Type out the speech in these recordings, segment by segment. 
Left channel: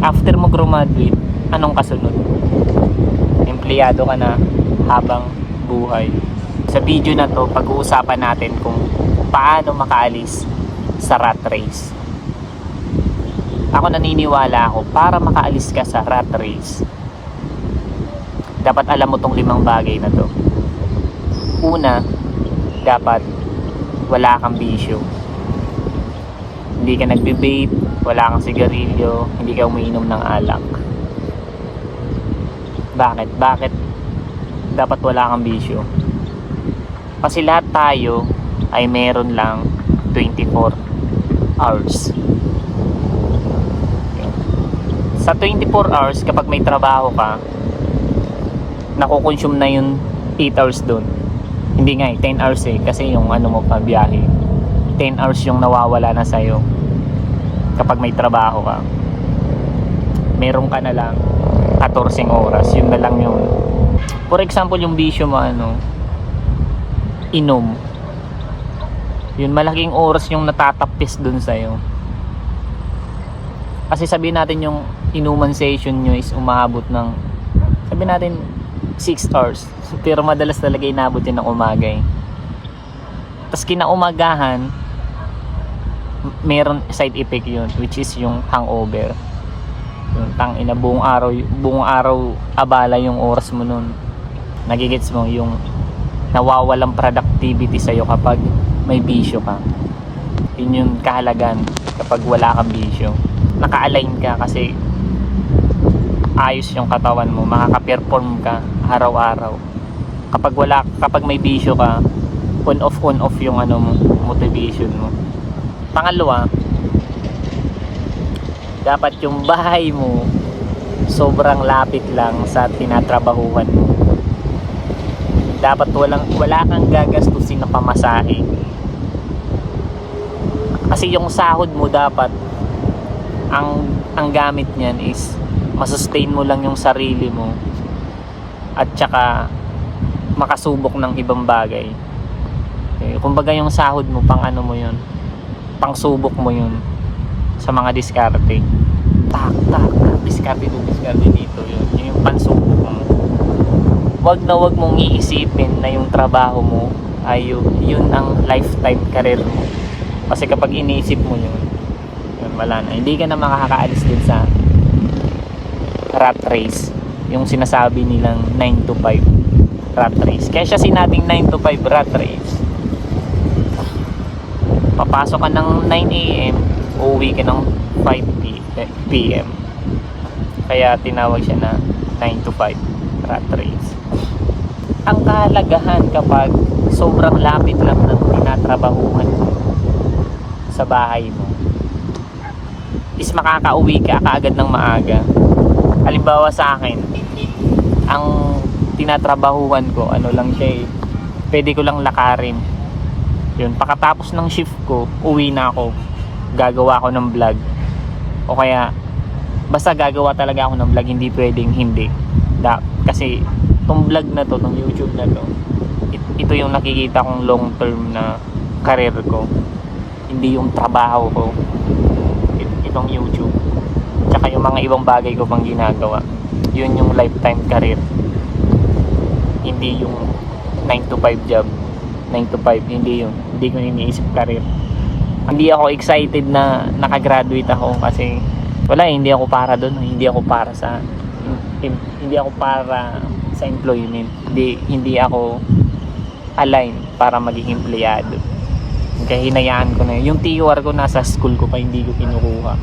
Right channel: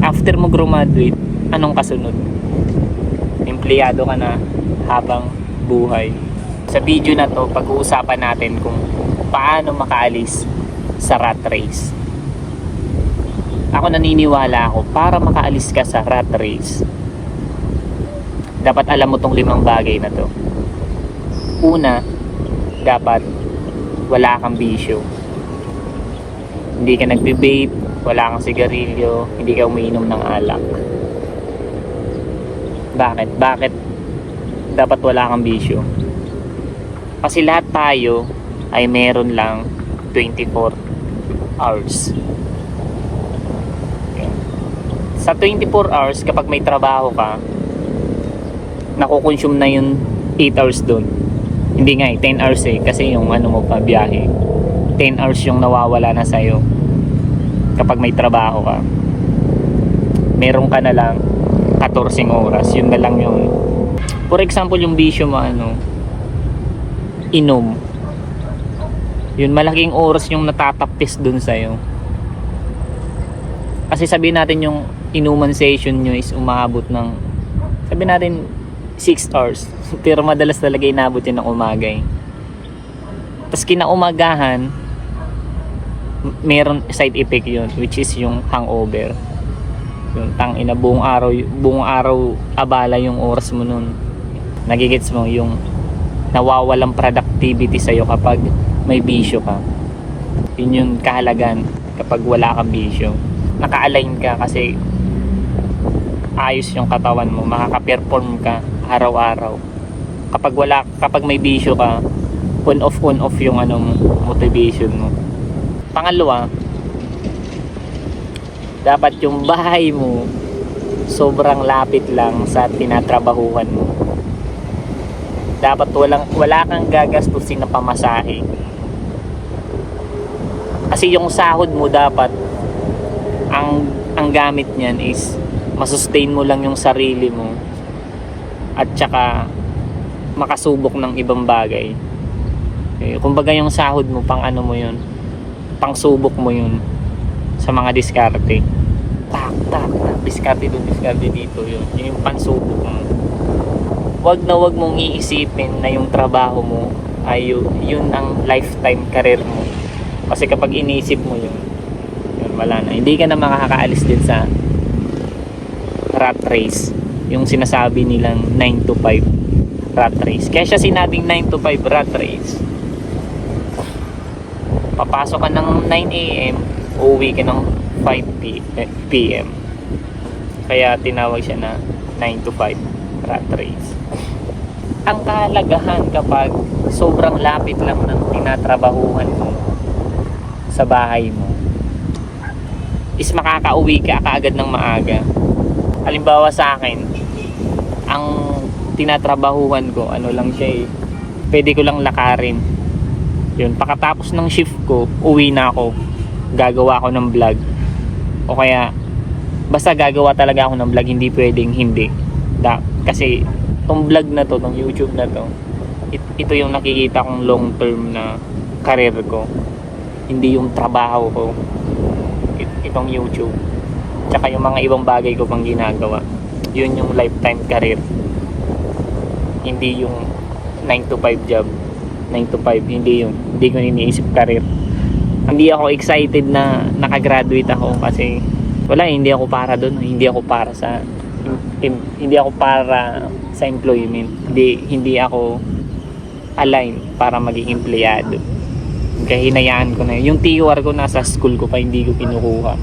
After mo graduate, anong kasunod? Empleyado ka na habang buhay. Sa video na to, pag-uusapan natin kung paano makaalis sa rat race. Ako naniniwala ako, para makaalis ka sa rat race, dapat alam mo tong 5 bagay na to. Una, dapat wala kang bisyo. Hindi ka nagbe-vape, wala kang sigarilyo, hindi ka umiinom ng alak. Bakit dapat wala kang bisyo? Kasi lahat tayo ay meron lang 24 hours. Sa 24 hours, kapag may trabaho ka, nakukonsume na yung 8 hours doon. Hindi nga 10 hours kasi yung mo pa biyahe. 10 hours yung nawawala na sa'yo kapag may trabaho ka. Meron ka na lang 14 oras, yun na lang yun. For example, yung bisyo mo inom, yun malaking oras yung natatapis dun sa'yo. Kasi sabihin natin yung inuman session nyo is umabot ng, sabihin natin 6 hours, pero madalas talaga inabot yun ng umaga Tapos kinaumagahan, meron side effect yun, which is yung hangover. Yung tangina, buong araw abala yung oras mo nun. Nagigets mo yung nawawalang productivity sa'yo kapag may bisyo ka. Yun yung kahalagan kapag wala kang bisyo. Naka-align ka kasi ayos yung katawan mo, makaka-perform ka araw-araw. Kapag may bisyo ka, on off yung motivation mo. Pangalawa, dapat yung bahay mo sobrang lapit lang sa tinatrabahuhan mo. Dapat wala kang gagastusin na pamasahe. Kasi yung sahod mo dapat ang gamit niyan is masustain mo lang yung sarili mo at saka makasubok ng ibang bagay. Kumbaga yung sahod mo pang mo yun, pang subok mo yun sa mga diskarte. Tak, diskarte doon, diskarte dito, yun yung pansubok mo. Wag mong iisipin na yung trabaho mo ay yun ang lifetime career mo. Kasi kapag iniisip mo yun, wala na. Hindi ka na makakaalis din sa rat race. Yung sinasabi nilang 9 to 5 rat race. Kaya siya sinabing 9 to 5 rat race. Papasok ka ng 9 AM, uuwi ka ng 5 PM. Kaya tinawag siya na 9 to 5 rat race. Ang kahalagahan kapag sobrang lapit lang ng tinatrabahuhan mo sa bahay mo is makakauwi ka kaagad ng maaga. Halimbawa sa akin, ang tinatrabahuhan ko, lang siya pwede ko lang lakarin. Yun, pagkatapos ng shift ko, uwi na ako. Gagawa ako ng vlog. O kaya, basta gagawa talaga ako ng vlog, hindi pwedeng hindi. Kasi, itong vlog na to, itong YouTube na to, ito yung nakikita kong long term na career ko. Hindi yung trabaho ko. Itong YouTube. Tsaka yung mga ibang bagay ko pang ginagawa. Yun yung lifetime career. Hindi yung 9 to 5 job. 9 to 5, hindi yun. Hindi ko iniisip career. Hindi ako excited na nakagraduate ako kasi hindi ako para doon. Hindi ako para sa employment. Hindi ako align para maging empleyado. Kaya hinayaan ko na yun. Yung TUR ko nasa school ko pa, hindi ko kinukuha.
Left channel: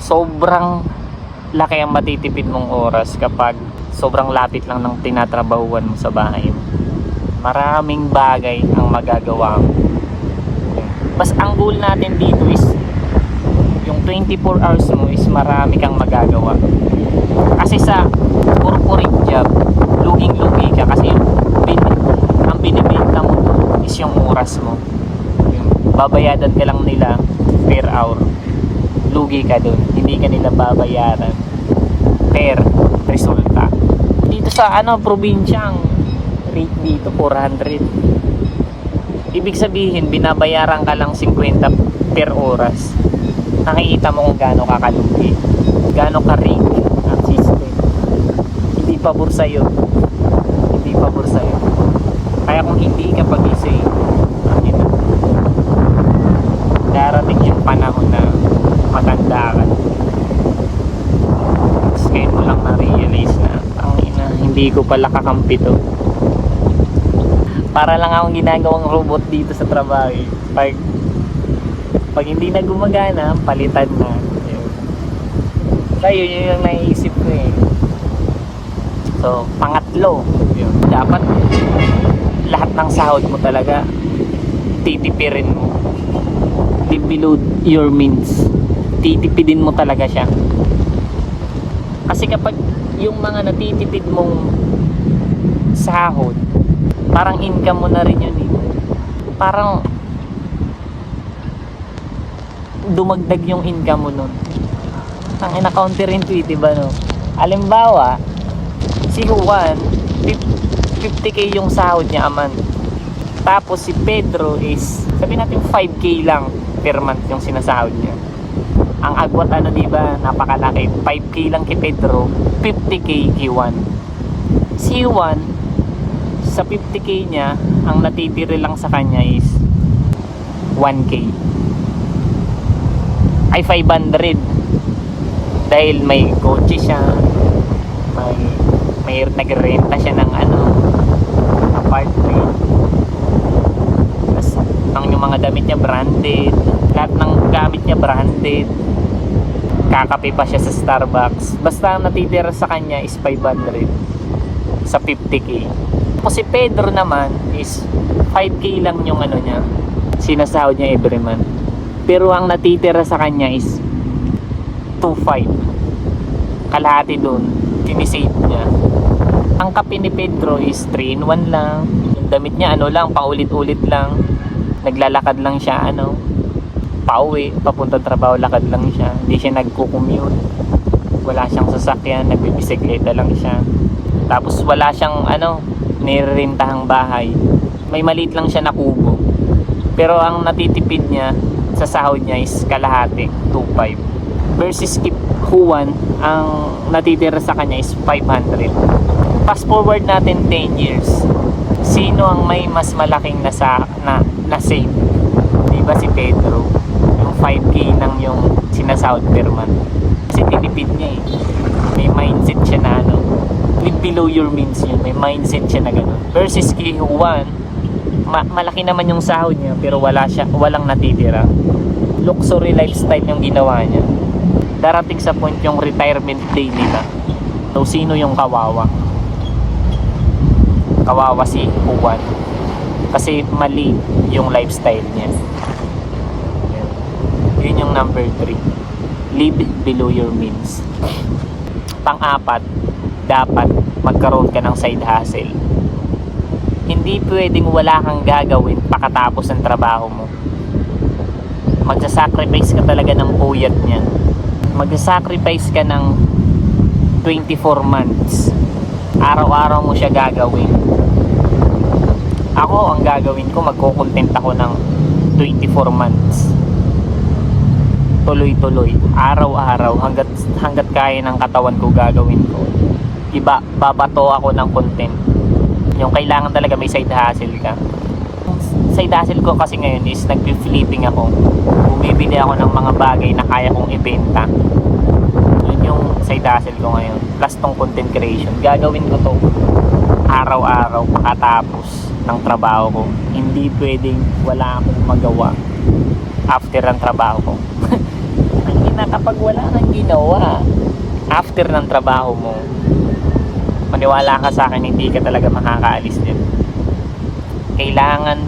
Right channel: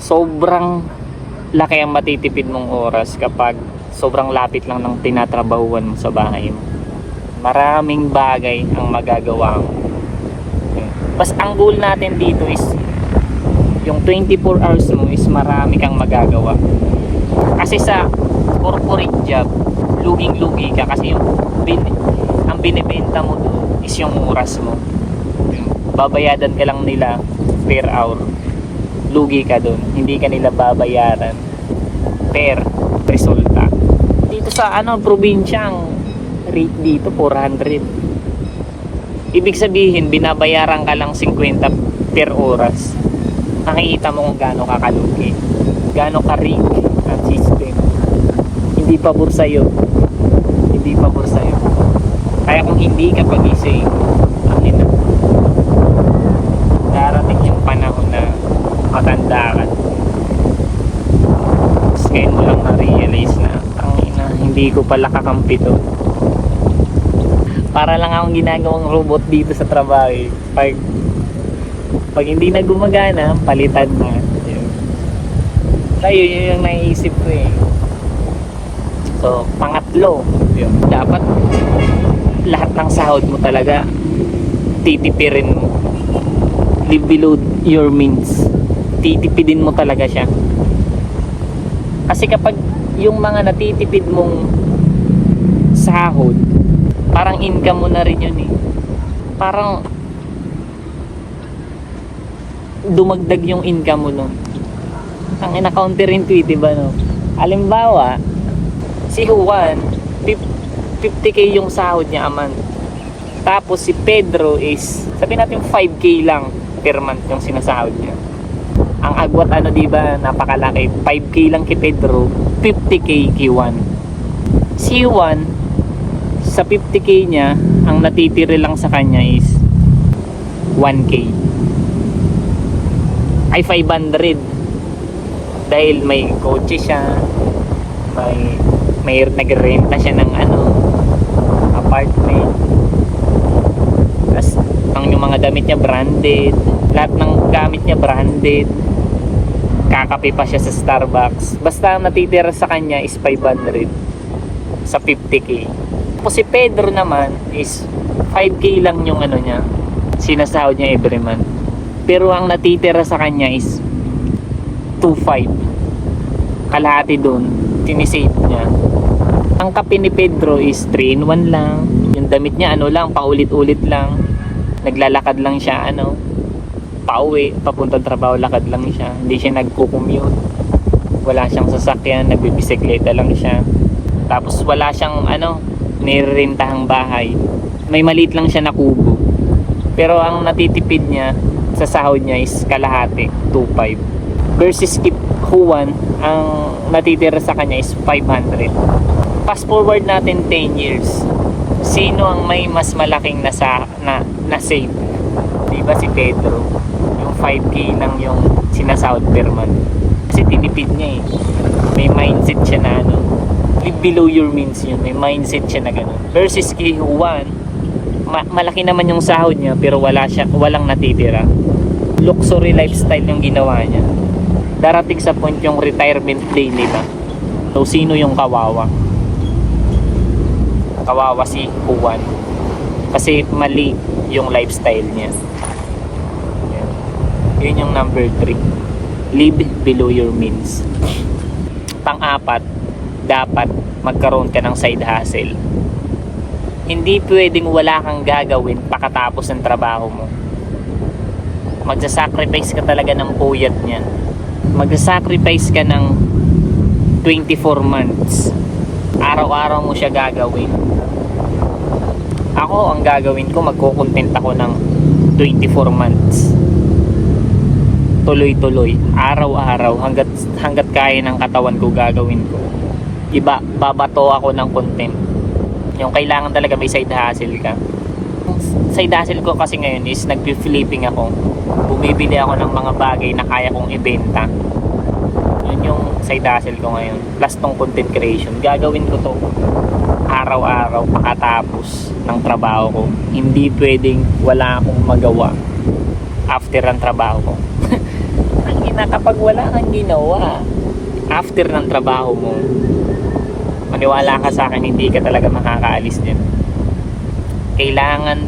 Sobrang laki ang matitipid mong oras kapag sobrang lapit lang ng tinatrabahuan mo sa bahay mo. Maraming bagay ang magagawa mo. Bas ang goal natin dito is yung 24 hours mo is marami kang magagawa. Kasi sa corporate job, luging-lugi ka kasi ang binibenta mo is yung oras mo. Babayadan ka lang nila per hour. Lugi ka dun. Hindi ka nila babayaran per resulta. Dito sa probinsyang rate dito 400. Ibig sabihin binabayaran ka lang 50 per oras. Nakikita mo kung gaano kakalugi. gaano ka-rig ang system. Hindi pabor sa'yo. Hindi pabor sa'yo. Kaya kung hindi ka pagising, ang ina, darating yung panahon na matanda ka. Tapos ngayon mo lang na-realize na, ang ina, hindi ko pala kakampi to. Para lang akong ginagawang robot dito sa trabaho eh. Pag hindi na gumagana, palitan na. Kaya yun yung naiisip ko eh. So, pangatlo, yun. Dapat lahat ng sahod mo talaga titipirin mo. Live below your means. Titipidin mo talaga siya. Kasi kapag yung mga natitipid mong sahod, parang income mo na rin yun eh. Parang dumagdag yung income mo nun. Ang ina-counterintuitive no. Halimbawa, si Juan 50k yung sahod niya a month. Tapos si Pedro is sabihin natin 5k lang per month yung sinasahod niya. Ang agwat di ba, napakalaki. 5k lang kay Pedro, 50k kay Juan. Si Juan sa 50k niya, ang natitira lang sa kanya is 1k. Ay 500. Dahil may kotse siya, may nagrenta siya ng apartment. Tapos yung mga damit niya branded, lahat ng gamit niya branded. Kakape pa siya sa Starbucks. Basta ang natitira sa kanya is 500 sa 50k. Tapos si Pedro naman is 5k lang yung niya, sinasahod niya every month. Pero ang natitira sa kanya is 2.5. Kalahati doon, sinisave niya. Ang kape ni Pedro is 3-in-1 lang. Yung damit niya lang, paulit-ulit lang. Naglalakad lang siya pauwi, papuntang trabaho, lakad lang siya. Hindi siya nagko-commute. Wala siyang sasakyan, nagbibisikleta lang siya. Tapos wala siyang nirerentahang bahay. May maliit lang siya na kubo. Pero ang natitipid niya sa sahod niya is kalahati, 2.5. Versus kay Juan, ang natitira sa kanya is 500. Fast forward natin 10 years. Sino ang may mas malaking na save? Di ba si Pedro? Yung 5k lang yung sinasahod per month. Kasi tinipid niya eh. May mindset siya na live below your means yun. May mindset siya na gano'n. Versus kay Juan, malaki naman yung sahod niya pero walang natitira. Luxury lifestyle yung ginawa niya. Darating sa point yung retirement day nila. So sino yung kawawa? Kawawa si Juan. Kasi mali yung lifestyle niya. Yun yung number 3. Live below your means. Pang-apat, dapat magkaroon ka ng side hustle. Hindi pwedeng wala kang gagawin pagkatapos ng trabaho mo. Magsasacrifice ka talaga ng puyat niyan. Magsasacrifice ka ng 24 months. Araw-araw mo siya gagawin. Ako, ang gagawin ko, magkukontent ako ng 24 months. Tuloy-tuloy, araw-araw, hanggat kaya ng katawan ko gagawin ko. Babato ako ng content. Yung kailangan talaga may side hustle ka. Yung side hustle ko kasi ngayon is nag-flipping ako. Bumibili ako ng mga bagay na kaya kong ibenta. Yun yung side hustle ko ngayon. Plus tong content creation. Gagawin ko to araw-araw pakatapos ng trabaho ko. Hindi pwedeng wala akong magawa after ng trabaho ko. Kapag wala kang ginawa after ng trabaho mo, maniwala ka sa akin, hindi ka talaga makakaalis din. Kailangan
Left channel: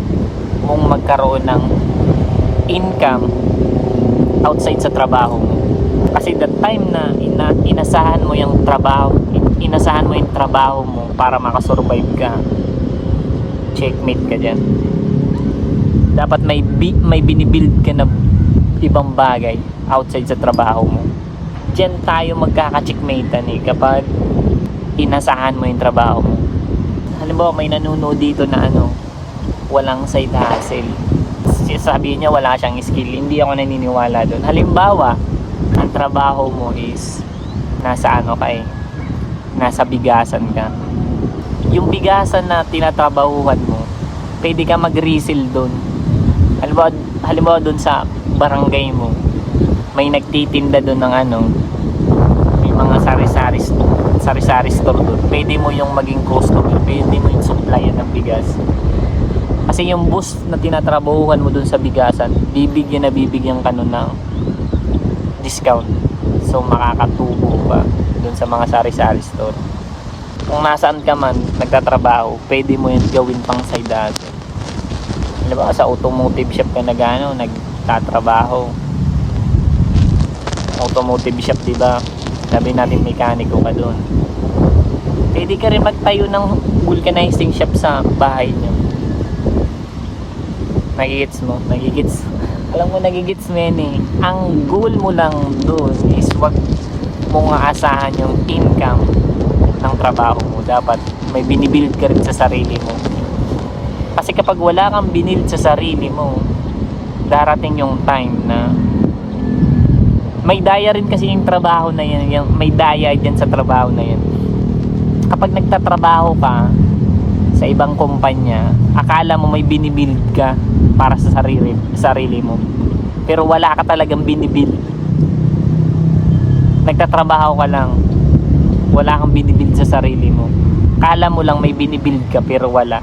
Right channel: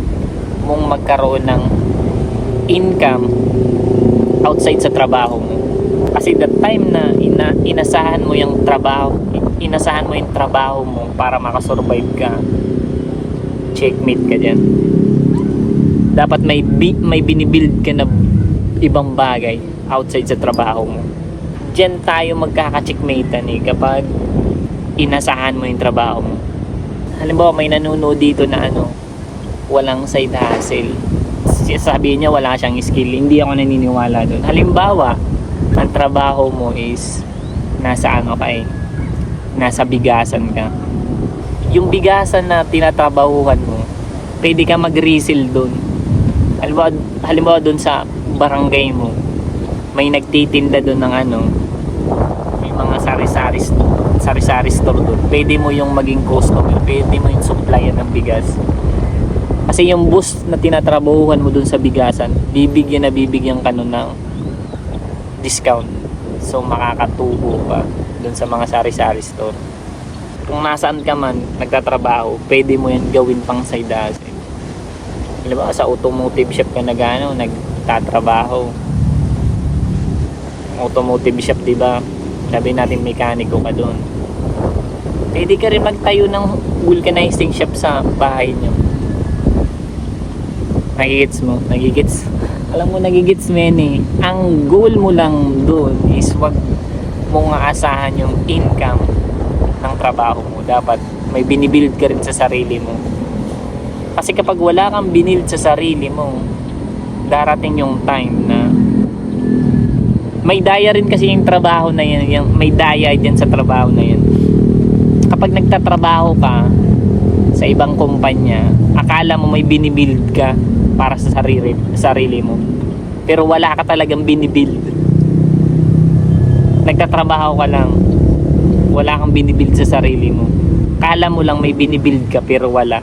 mong magkaroon ng income outside sa trabaho mo. Kasi the time na inasahan mo yung trabaho mo para makasurvive ka, checkmate ka dyan. Dapat may binibuild ka na ibang bagay outside sa trabaho mo. Diyan tayo magkaka-checkmatean kapag inasahan mo yung trabaho mo. Halimbawa may nanonood dito na walang side hustle. Sabihin niya wala siyang skill. Hindi ako naniniwala doon. Halimbawa, ang trabaho mo is nasa ano ka eh, nasa bigasan ka. Yung bigasan na tinatrabahuhan mo, pwede ka mag-resell doon. Halimbawa doon sa barangay mo, may nagtitinda doon ng ano, may mga sari-sari store doon. Pwede mo yung maging customer, pwede mo yung supplier ng bigas. Kasi yung boss na tinatrabahuhan mo doon sa bigasan, bibigyan ka nun ng discount. So makakatubo ka doon sa mga sari-sari store. Kung nasaan ka man nagtatrabaho, pwede mo yan gawin pang side hustle. Halimbawa sa automotive shop ka nagtatrabaho. Automotive shop, di ba? Sabi natin mekaniko ka doon. Pwede ka rin magtayo ng vulcanizing shop sa bahay niyo. Nagigits mo? Nagigits? Alam mo, nagigits mo yun eh. Ang goal mo lang doon is wag mong aasahan yung income ng trabaho mo. Dapat may binibuild ka rin sa sarili mo. Kasi kapag wala kang binibuild sa sarili mo, darating yung time na may daya rin kasi yung trabaho na yan. May daya dyan sa trabaho na yan. Kapag nagtatrabaho ka sa ibang kumpanya, akala mo may binibuild ka para sa sarili mo, pero wala ka talagang binibuild. Nagtatrabaho ka lang, wala kang binibuild sa sarili mo. Akala mo lang may binibuild ka, pero wala.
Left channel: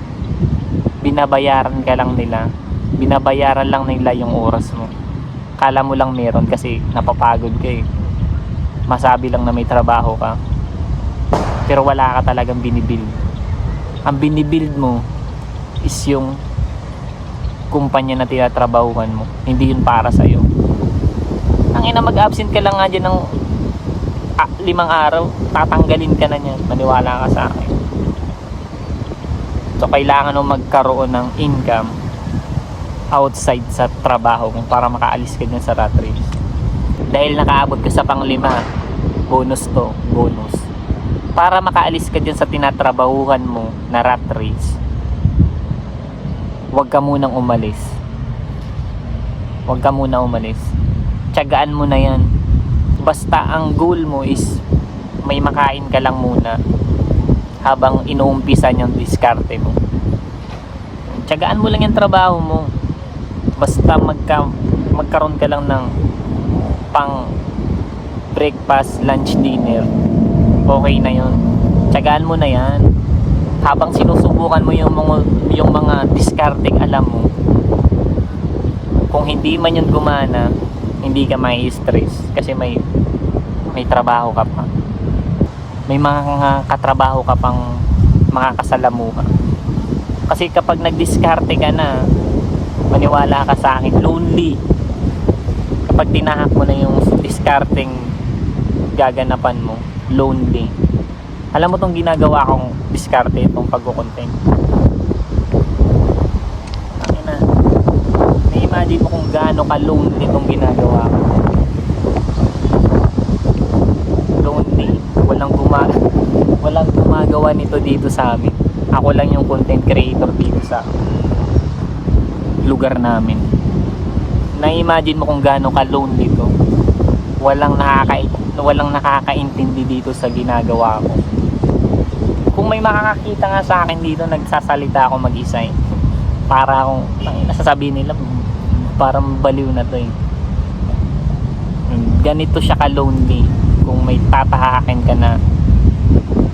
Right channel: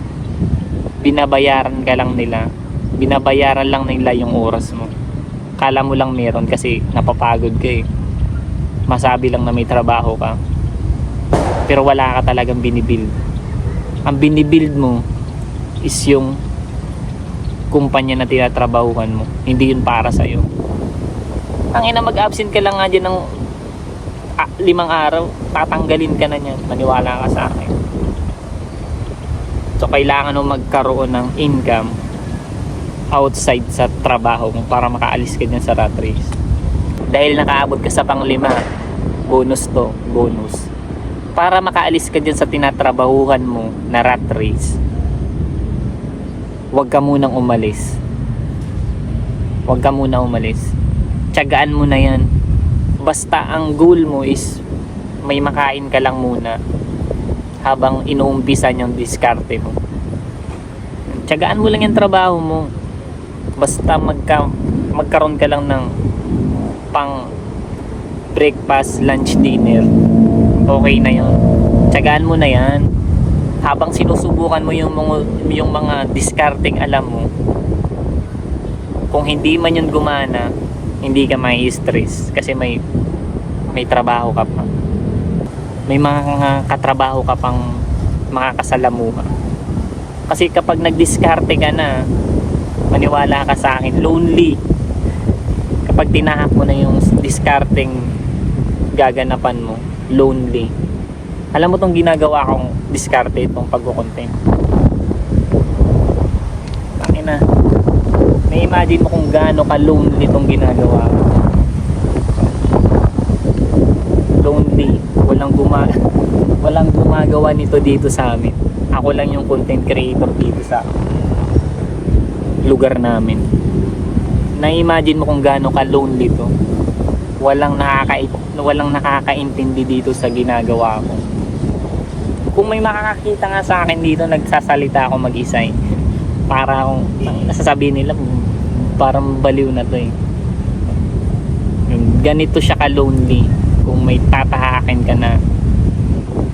Binabayaran lang nila yung oras mo. Akala mo lang meron kasi napapagod ka eh. Masabi lang na may trabaho ka, pero wala ka talagang binibuild. Ang binibuild mo is yung kumpanya na tinatrabahuhan mo, hindi yun para sa'yo. Ang ina, mag-absent ka lang nga dyan ng 5 araw, tatanggalin ka na niyan, maniwala ka sa akin. So kailangan mo magkaroon ng income outside sa trabaho mo para makaalis ka dyan sa rat race. Dahil nakaabot ka sa pang-5, bonus to, bonus. Para makaalis ka dyan sa tinatrabahuhan mo na rat race, huwag ka munang umalis. Tiyagaan mo na yan. Basta ang goal mo is may makain ka lang muna habang inuumpisan yung diskarte mo. Tiyagaan mo lang yung trabaho mo. Basta magkaroon ka lang ng pang breakfast, lunch, dinner, okay na yun. Tiyagaan mo na yan. Habang sinusubukan mo yung mga discarding alam mo, kung hindi man yun gumana, hindi ka may stress kasi may trabaho ka pa, may mga katrabaho ka pang makakasalamuha. Kasi kapag nagdiskarte ka na, maniwala ka sa akin, lonely. Kapag tinahak mo na yung discarding gaganapan mo, lonely. Alam mo tong ginagawa kong diskarte, itong pagko-content. Pakina. Na-imagine mo kung gaano ka-lonely itong ginagawa ko. Lonely. Walang gumagawa nito dito sa amin. Ako lang yung content creator dito sa lugar namin. Na-imagine mo kung gaano ka-lonely to. Walang nakakaintindi dito sa ginagawa ko. Kung may makakakita nga sa akin dito, nagsasalita ako mag-isa eh. Para akong, nasasabihin nila, parang baliw na to eh. Ganito siya ka-lonely kung may tatahakin ka na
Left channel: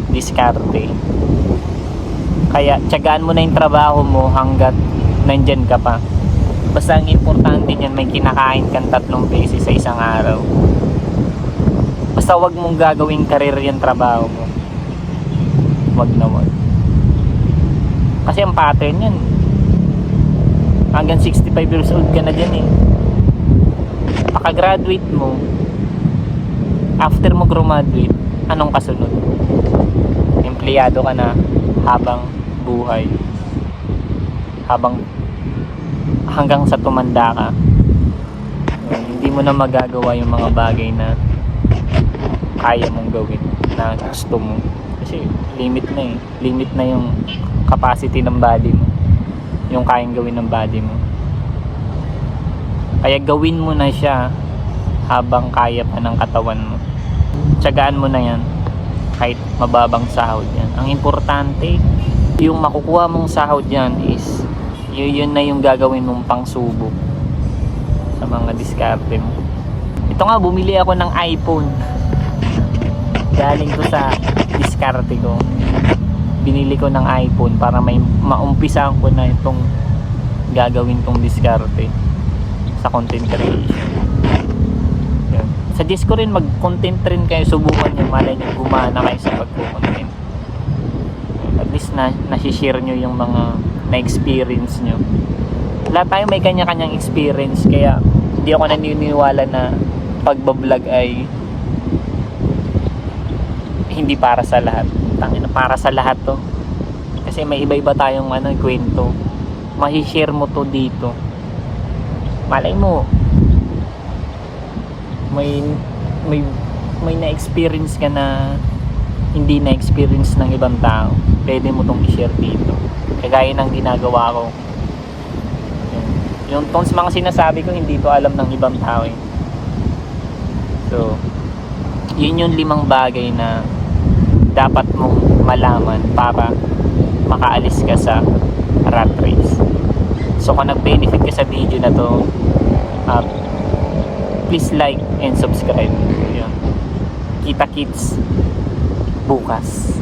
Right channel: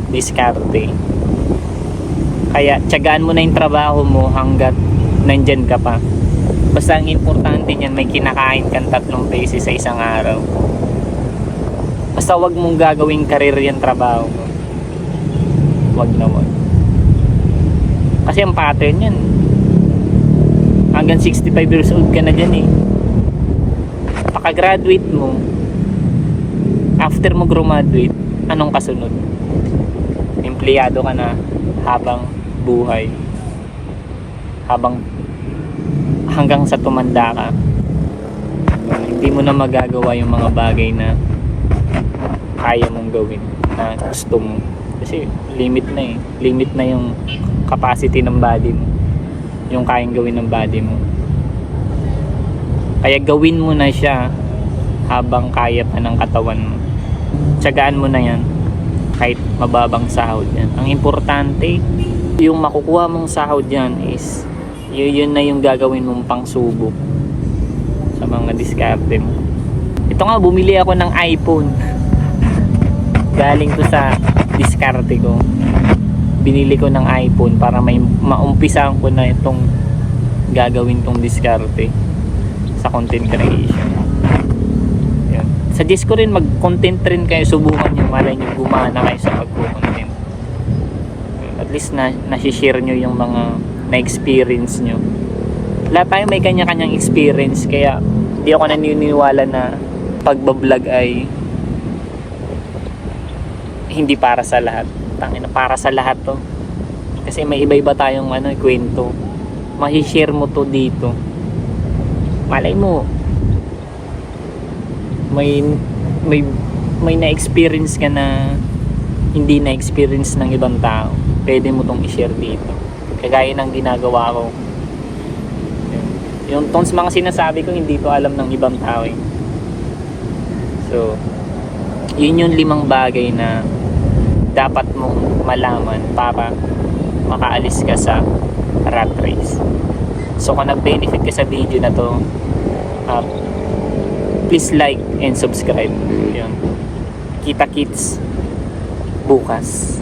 diskarte. Kaya tiyagaan mo na yung trabaho mo hanggat nandyan ka pa. Basta ang importante niyan, may kinakain kang 3 beses sa isang araw. Basta wag mong gagawing karir yung trabaho mo. Wag. Kasi ang pattern yan, hanggang 65 years old ka na dyan eh. Pagka-graduate mo, after mo graduate, anong kasunod? Empleyado ka na habang buhay, hanggang sa tumanda ka. Hindi mo na magagawa yung mga bagay na kaya mong gawin, na gusto mo. Kasi limit na yung capacity ng body mo, yung kayang gawin ng body mo. Kaya gawin mo na siya habang kaya pa ng katawan mo. Tiyagaan mo na yan. Kahit mababang sahod yan. Ang importante, yung makukuha mong sahod yan is yun na yung gagawin mong pangsubok sa mga diskarte mo. Ito nga, bumili ako ng iPhone. Galing to sa diskarte ko. Binili ko ng iPhone para may maumpisahan ko na itong gagawin tong diskarte sa content creation. Yan. Suggest ko rin mag-content rin kayo, subukan nyo, malay nyo gumana kayo sa pagko-content. At least na-share nyo yung mga na-experience nyo. Lahat tayo may kanya-kanyang experience, kaya hindi ako naniniwala na pagbablog ay hindi para sa lahat. Tangina, para sa lahat to. Kasi may iba-iba tayong kwento. Ma-share mo to dito. Malay mo may na-experience ka na hindi na-experience ng ibang tao. Pwede mo tong i-share dito. Kagaya ng ginagawa ko. Yung tong mga sinasabi ko, hindi ko alam ng ibang tao eh. So, yun yung 5 bagay na dapat mong malaman para makaalis ka sa rat race. So kung nag-benefit ka sa video na to, please like and subscribe. Kita kits bukas.